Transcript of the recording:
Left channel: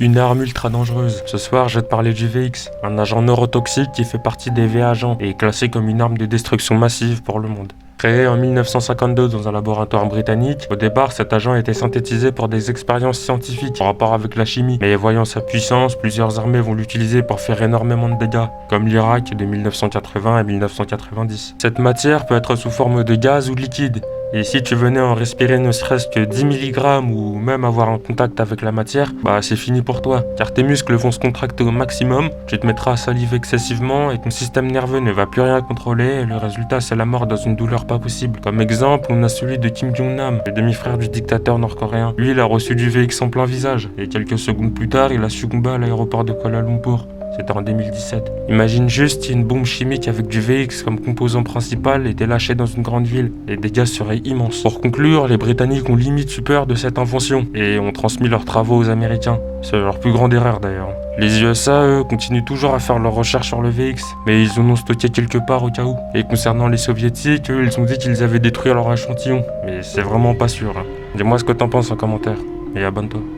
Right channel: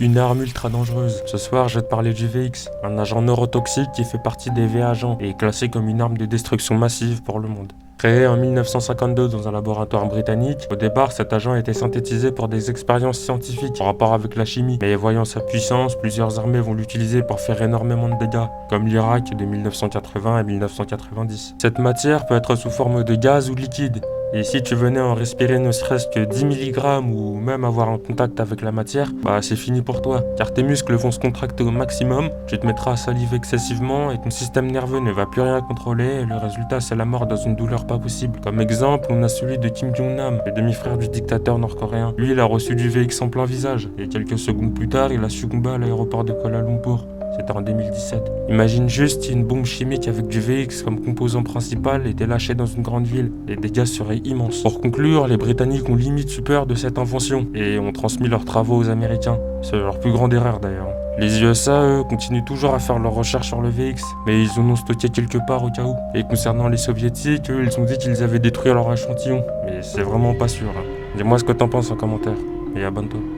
Une arme ultra dangereuse. Ce soir, je vais te parler du VX, un agent neurotoxique qui fait partie des V-agents et est classé comme une arme de destruction massive pour le monde. Créé en 1952 dans un laboratoire britannique, au départ cet agent a été synthétisé pour des expériences scientifiques en rapport avec la chimie. Mais voyant sa puissance, plusieurs armées vont l'utiliser pour faire énormément de dégâts, comme l'Irak de 1980 à 1990. Cette matière peut être sous forme de gaz ou de liquide. Et si tu venais en respirer ne serait-ce que 10 mg ou même avoir un contact avec la matière, bah c'est fini pour toi, car tes muscles vont se contracter au maximum, tu te mettras à saliver excessivement et ton système nerveux ne va plus rien contrôler et le résultat c'est la mort dans une douleur pas possible. Comme exemple, on a celui de Kim Jong-nam, le demi-frère du dictateur nord-coréen. Lui il a reçu du VX en plein visage et quelques secondes plus tard il a succombé à l'aéroport de Kuala Lumpur. C'était en 2017. Imagine juste si une bombe chimique avec du VX comme composant principal était lâchée dans une grande ville. Les dégâts seraient immenses. Pour conclure, les Britanniques ont limite eu peur de cette invention et ont transmis leurs travaux aux Américains. C'est leur plus grande erreur d'ailleurs. Les USA, eux, continuent toujours à faire leurs recherches sur le VX, mais ils en ont stocké quelque part au cas où. Et concernant les soviétiques, eux, ils ont dit qu'ils avaient détruit leur échantillon, mais c'est vraiment pas sûr. Dis-moi ce que t'en penses en commentaire, et abonne-toi.